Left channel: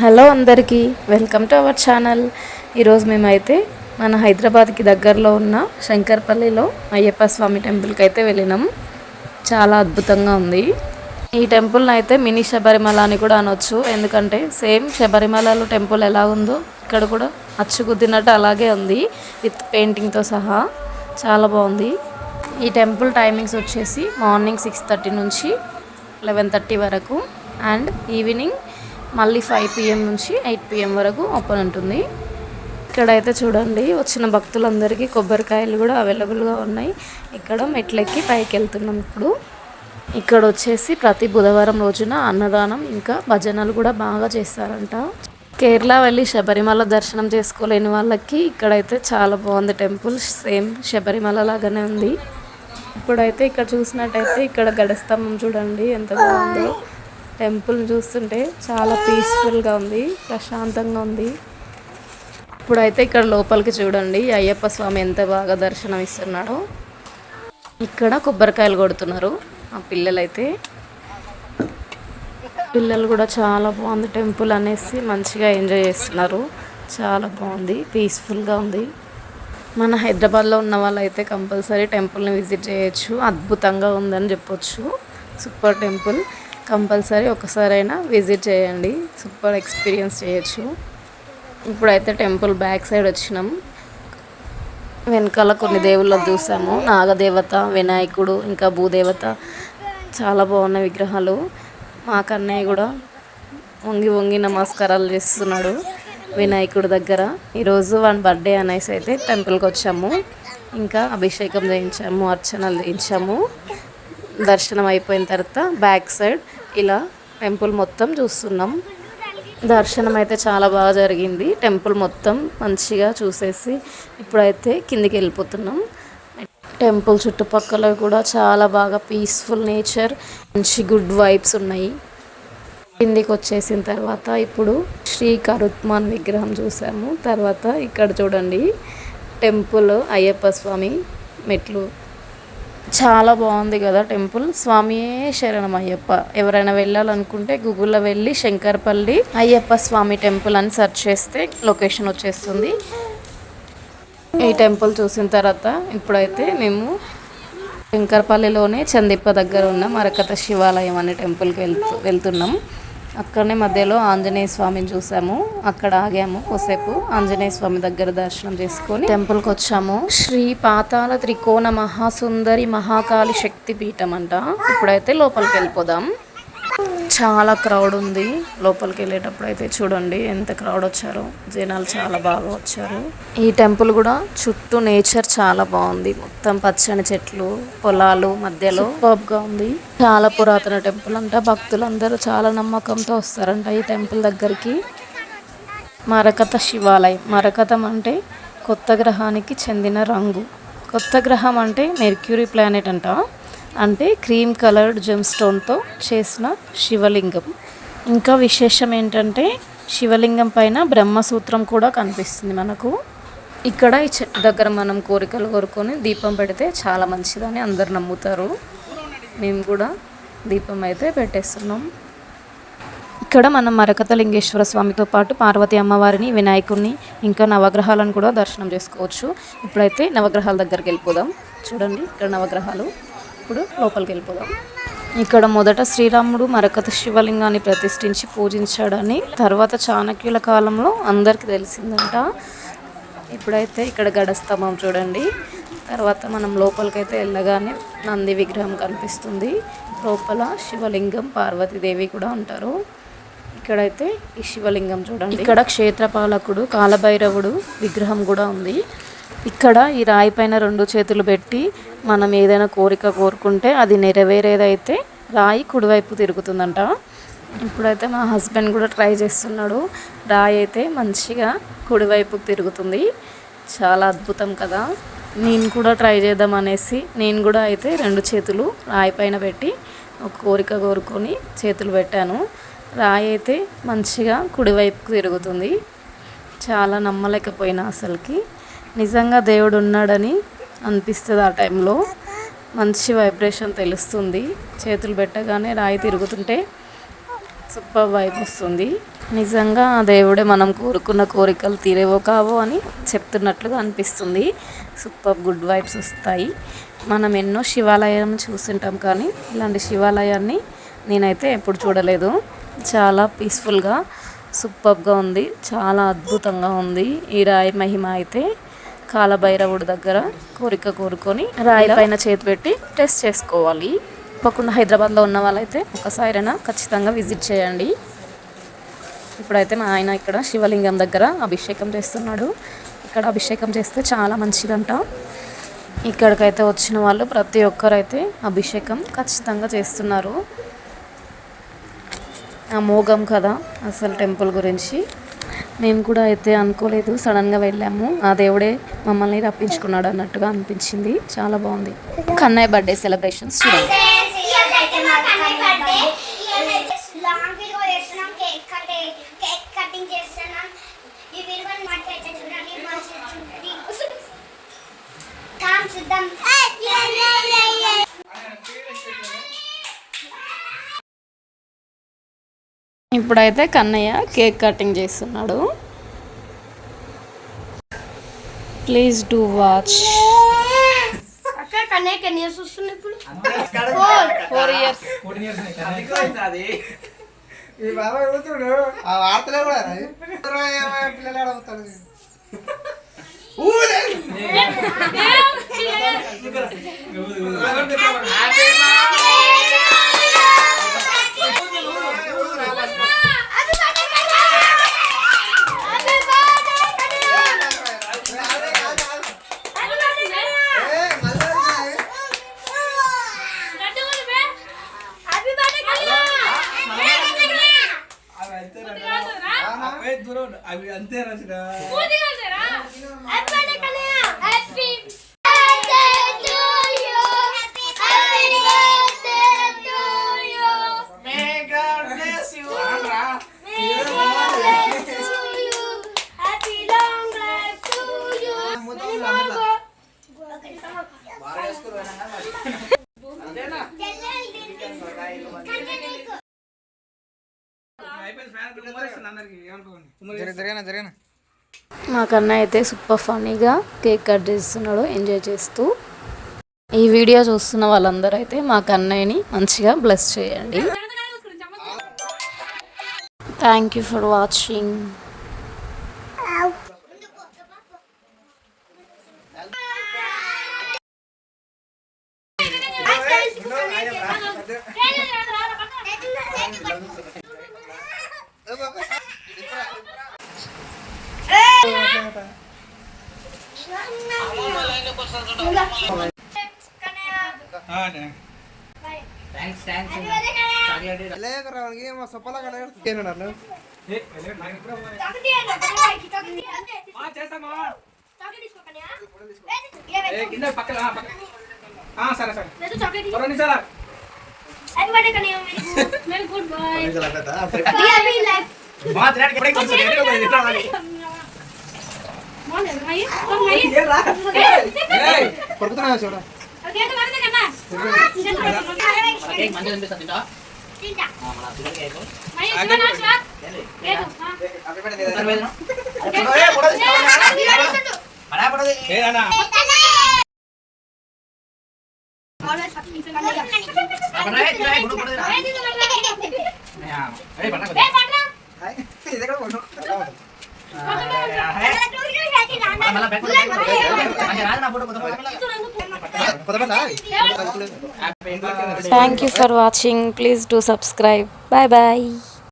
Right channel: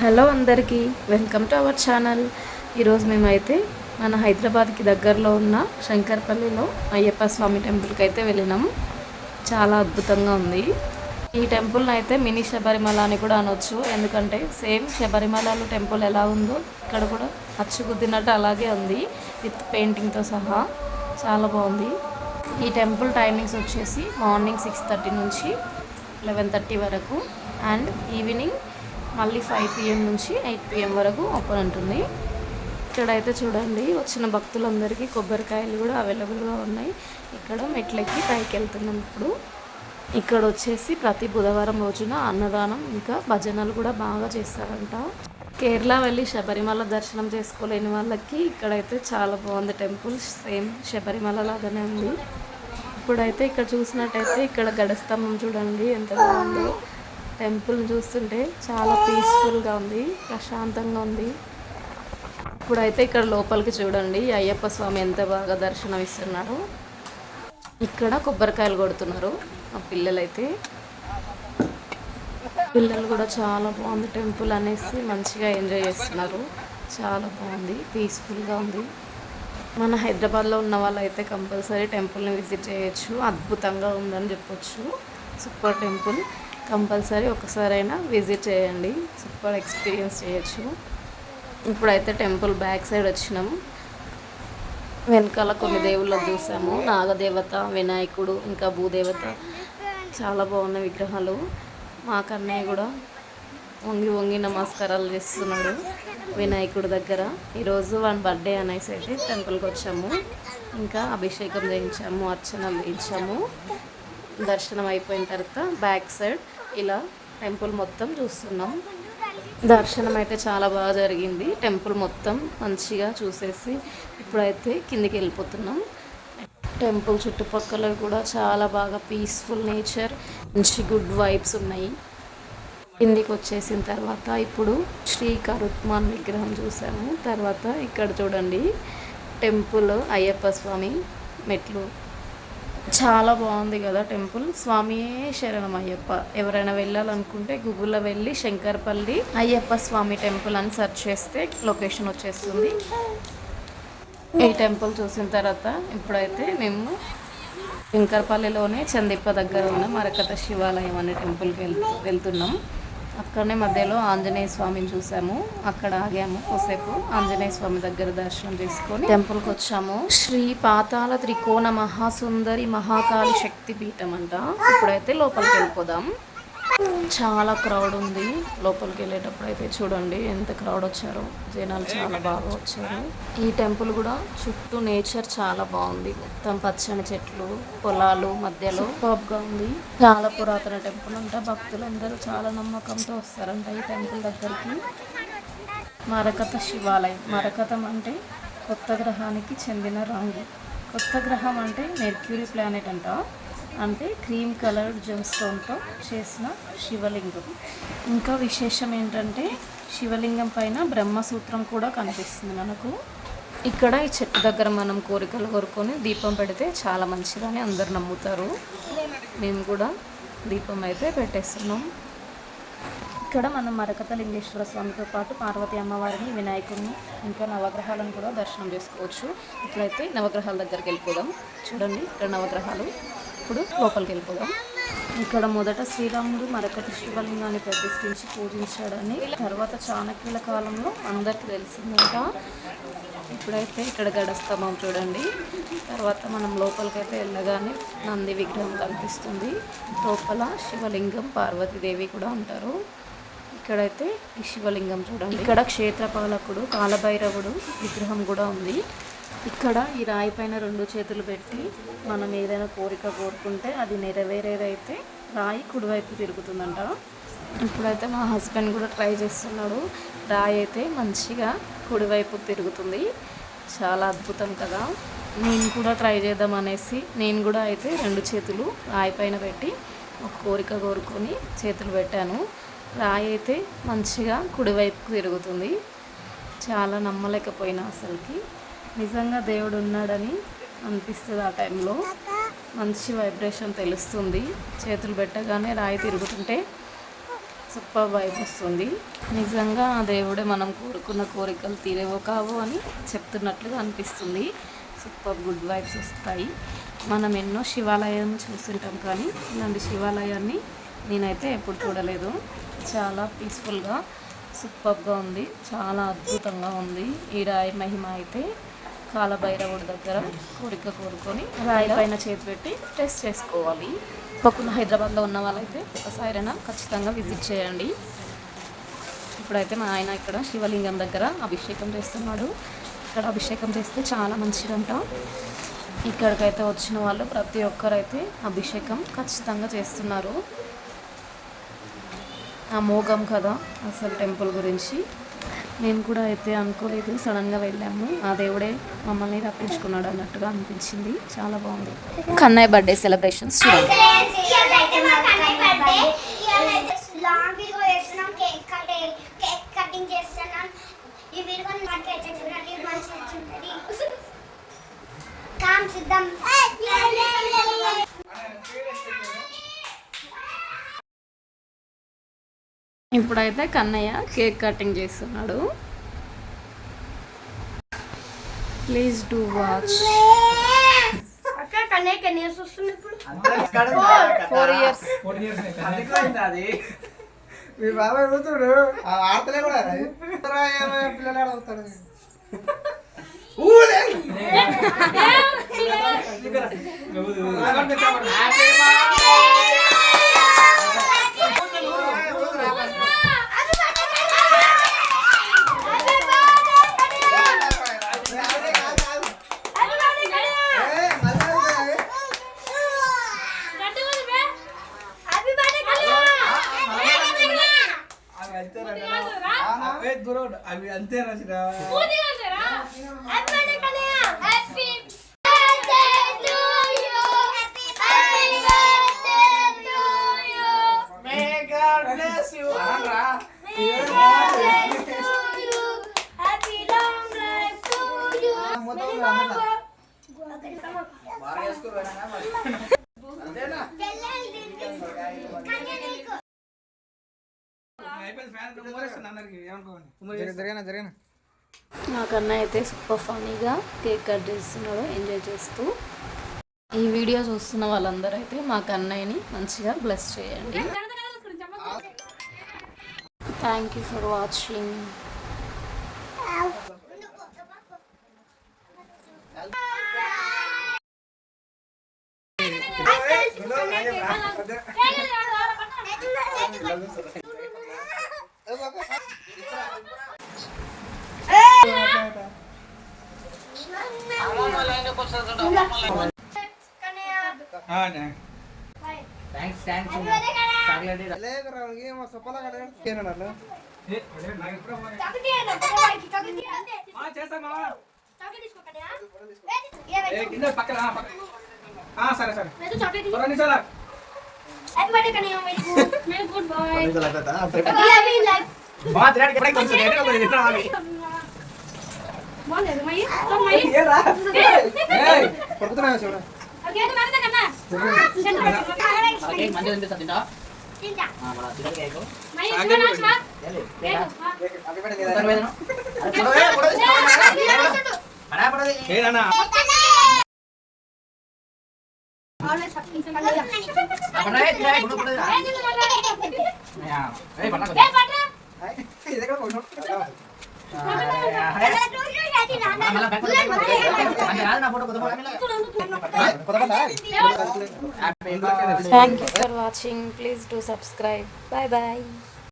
Hello అందరికీ, welcome to our channel. ఈరోజు మేమైతే మన హైదరాబాద్కి దగ్గరలో ఉన్న శంకర్పల్లిలో అయ్యప్ప స్వామి టెంపుల్కి అయితే వెళ్ళినాం. చాలా అద్భుతంగా ఉంది. ఈ టెంపుల్ని అయితే మినీ శబరిమల అని కూడా అనొచ్చు. ఎందుకంటే సేమ్ శబరిమలలో టెంపుల్ ఎలా ఉందో ఇక్కడ కూడా అచ్చుకుద్దినట్టు అలాగే ఉంది, విత్ పెయింటింగ్తో సహా. చాలా బాగుంది. ఈ టెంపుల్ టైమింగ్స్ వచ్చేసి మార్నింగ్ 6:30 నుంచి 11:30 వరకు అండ్ ఈవినింగ్ మళ్ళీ 5 PM నుంచి 8 PM వరకు ఓపెన్ ఉంటుంది. ఇక్కడైతే చూడండి, వచ్చిన భక్తులందరికీ కొబ్బరికాయలు కూడా అవైలబుల్గా ఉన్నాయి. ఇక్కడ మెట్లెక్కి పైకి వెళ్తున్నాం ఇప్పుడు. ఇక్కడ వచ్చేసి ప్రతి బుధవారం రోజున అన్నదానం ఇంకా భజనలు కూడా బాగా చేస్తారంట. కేరళ వెళ్ళి శబరిమల దర్శనం చేసుకోలేని వాళ్ళకి ఇక్కడైతే చాలా బాగుంది టెంపుల్. సేమ్ శబరిమల లాగానే ఉంది. ఇప్పుడైతే ఇక్కడ చూసినట్టయితే ఇక్కడ గడస్తంభం చూడండి ఎంత బాగుందో. టెంపుల్ చూస్తుంటే చాలా పీస్ఫుల్గా ఉంది, ప్రశాంతంగా ఉంది. ఇప్పుడైతే ఇక్కడ లోపలికి చూడండి, అయ్యప్ప స్వామి ఎంత బాగా దర్శనం ఇస్తున్నాడో. ఇక్కడ కొబ్బరికాయలు కొడుతున్నారు ఆ పిల్లలైతే. పిల్లలు కూడా చాలా బాగుంది టెంపుల్ అనేసి మంచిగా ఎంజాయ్ చేస్తున్నారు. చాలా బాగుంది, పీస్ఫుల్గా ఉంది. మన హైదరాబాద్లో ఉన్న వాళ్ళైతే కంపల్సరీ టెంపుల్ని విజిట్ చేయొచ్చు. అద్భుతంగా ఉందని చెప్పొచ్చు. Super temple. కంపల్సరీ ఒకసారైనా విజిట్ చేయండి, సూపర్ ఎక్స్పీరియన్స్ చేయొచ్చు. ఇప్పుడైతే టెంపుల్ బ్యాక్ సైడ్ వచ్చినాం. వెనకాల కొన్ని దేవుళ్ళని చూసాము. నాగదేవత, వినాయకుడు ఇంకా భూదేవత చాలా బాగున్న విగ్రహాలు. మా కన్నయ్య కూడా వంగి వంగి నమస్కారాలు చేస్తున్నాడు వినాయకుడి దగ్గర. ఈరోజు వన్ బర్త్డే అనేసి అయితే టెంపుల్కి వచ్చాము. ఇంకా అభిషేకం చేయించాము, అర్చనలు చేయించాము. దర్శనం అయిపోయిన తర్వాత బ్యాక్ సైడ్ ఇలా టెంపుల్ మొత్తం చూస్తున్నాం. దర్శనం అయితే చాలా బాగా జరిగింది. టెంపుల్ మొత్తం మంచిగా చూసేసి ఇప్పుడైతే కిందికి వెళ్ళిపోతున్నాం. టెంపుల్ చుట్టుపక్కల కూడా చాలా బాగా పీస్ఫుల్ నేచర్, మంచి గుడ్ వైబ్స్ ఉన్నాయి. కిందికి వచ్చేసిన తర్వాత ఇప్పుడు శ్రీ కరుత్మాన్ విగ్రహం చూసాము. తర్వాత ఇక్కడ చూడండి టెంపుల్ అయ్యప్ప స్వామి మెట్లు. చాలా బాగుంది కదా టెంపుల్. స్వామియే శరణం అయ్యప్ప. ఎవరైనా వెళ్ళాలనుకుంటే గూగుల్లో వెళ్ళి శంకర్పల్లి అయ్యప్ప స్వామి టెంపుల్ అని సెర్చ్ చేస్తే లొకేషన్ వచ్చేస్తుంది. ఈ టెంపుల్ చూసిన తర్వాత ఇప్పుడైతే మేము శంకర్పల్లిలోనే చందిప్ప దగ్గర ఉన్న మరకత శివాలయం అనే టెంపుల్కి వెళ్తున్నాం. అక్కడనే మధ్యలో ఆంజనేయ స్వామిని చూసాము. అక్కడ ఆగాము కొద్దిసేపు. ఆంజనేయ స్వామి దగ్గర దర్శనం చేసుకొని టెంపుల్కి వచ్చాము. శ్రీ పాతాల త్రికోణ మహాసుందరి మహాకాళి శక్తి పీఠం అంట. ఇప్పుడైతే లోపలికి వెళ్ళిపోదాం. చాలా క్రౌడ్ ఉంది. లోపలికి వెళ్ళేటప్పుడు అయితే చూడండి ఎంత క్రౌడ్ వచ్చారో. జనాలు చాలా బాగా వచ్చారు. ఈ టెంపుల్ కూడా చుట్టూ నేచర్ చాలా బాగుంది. మొత్తం పచ్చని చెట్లు, పొలాలు మధ్యలో సూపర్గా ఉంది. చాలా పురాతన టెంపుల్ అంట. భక్తులందరూ చాలా నమ్మకంతో వస్తారంట ఈ టెంపుల్ దగ్గరికి. మరకత శివాలయం. మరకతం అంటే కొత్త గ్రహానికి చెందిన రంగు. కొత్త గ్రహం అంటే మెర్క్యూరీ ప్లానెట్ అంట. అంటే క్రీమ్ కలర్డ్ జెమ్ స్టోన్తో చేసిన శివలింగం. ఇంకా విశేషం ఏంటంటే శివలింగం పైన బ్రహ్మసూత్రం కూడా కనిపిస్తుంది మనకు. ఇక్కడ ఈ చెట్టు దగ్గర మనం కోరికలు కోరుకొని దీపం పెడితే చాలా మంచిదని అందరు నమ్ముతారు. మేము కూడా దీపం అయితే పెట్టేస్తున్నాం. ఇక్కడ మనం మరకత లింగేశ్వర స్వామితో పాటు పార్వతి అమ్మవారిని, వినాయకుడిని ఇంకా నవగ్రహాలను కూడా దర్శనం చేసుకోవచ్చు. ఇప్పుడైతే నవగ్రహాల దగ్గరికి వెళ్ళిపోదాం. చూడండి ఇక్కడ నవగ్రహాలు. ఇప్పుడు లోపలికి వెళ్ళిపోదాం. ఇక్కడ మొదట శ్రీరాముడు మరకత శివలింగాన్ని ప్రతిష్ఠించి పూజించాడని తర్వాత చాణక్యుల కాలంలో అందరికీ తెలిసిందంట. ఇప్పుడైతే ఇక్కడ గడస్తంభం చూడండి. తర్వాత మనం లోపలికైతే వెళ్ళగానే నంది విగ్రహం కనిపిస్తుంది. లోపల శివలింగం, పార్వతీదేవి కూడా ఉంటారు. ఇక్కడైతే ఈ శివలింగం చూడండి. ఇక్కడ క్షేత్రపాలకుడు కాలభైరవుడు విగ్రహం కూడా ఉంది. ఇక్కడ ఈ రాయి పైన 2 చేతులు పెట్టి మనం ఏదైనా కోరిక కోరుకుంటే అది నెరవేరేదైతే రాయి కుడివైపు తిరుగుతుందంట. ఇప్పుడైతే మా హస్బెండ్ కూడా ట్రై చేస్తున్నాడు. రాయి అయితే మంచిగా కుడివైపు తిరుగుతుంది. చాలా అద్భుతం కదా. నేను కూడా ట్రై చేద్దాం అనేసి నేను కూడా అయితే 2 చేతులు రాయి పైన పెట్టి ఒక కోరిక కోరుకొని చేతులు పెట్టాను. రాయి అయితే మంచిగా కుడివైపుకు తిరుగుతుంది. చాలా నమ్మలేకపోయినా అసలుకి. నిజంగా దేవుడు ఉన్నాడని అనిపిస్తుంది ఆ టైంలో. మంచి వైబ్రేషన్ తెలుస్తుంది. చేతులు పెట్టగానే రాయి తిరుగుతుంటే సూపర్ వైబ్ వస్తుంది. నిజంగా ఆ దేవుడే మనం కోరుకున్న కోరికలు తీరేవో కావో అని చెప్తున్నట్లుగా అనిపిస్తుంది. సూపర్ గుడ్ వైబ్స్ వస్తాయి. మనం ఎన్నో శివాలయం చూస్తుంటాం కానీ ఇలాంటి శివాలయాన్ని నేనైతే ఎప్పుడు చూడలేదు. చాలా పీస్ఫుల్గా సూపర్గా ఉంది. చాలా అద్భుతంగా ఉంది. ఈ రాయి మహిమ అయితే కాలభైరవుడి దగ్గర కోరిక కోరుకొని రాయి పైన చేతి పెట్టి టెస్ట్ చేసుకోవాలి. తప్పకుండా హైదరాబాద్లో ఉన్న వాళ్ళైతే ఒకసారైనా ఖచ్చితంగా విజిట్ చేయండి. ఇప్పుడైతే మా ఆయన ఇక్కడ శివలింగం దగ్గర అభిషేకం చేస్తున్నాడు. ఇక్కడ అభిషేకం చేస్తే చాలా మంచిదంట. ఇక్కడికైతే వచ్చిన వాళ్ళు ప్రతి ఒక్కరైతే అభిషేకం ఖచ్చితంగా చేస్తున్నారు. అమోఘం కదా అసలు టెంపుల్ గురించి. నేను కూడా అయితే అనుకోలేదు, సడన్గా వెళ్ళాము, ఆ దేవుడే మమ్మల్ని రప్పించుకున్నాడు అన్నట్టుగా అనిపించింది. చాలా బాగుంది. కన్నయ్య బర్త్డే సెలబ్రేషన్స్ చూడండి. ఇప్పుడైతే కన్నయ్య కేక్ కటింగ్ చేస్తున్నాడు. Please do watch. 4 years. అవి అంతే రాజురా. మా కన్నయ్య అయితే సూపర్ ఫన్నీగా కేక్ కట్ చేస్తున్నాడు, ఎంజాయ్ చేస్తూ. ఈ వీడియో చూస్తున్న వాళ్ళందరూ అయితే మా కన్నయ్యని మంచిగా బ్లెస్ చేయండి. Thank you for watching. సరే సరే Thank you for watching. Please do subscribe. Bye bye.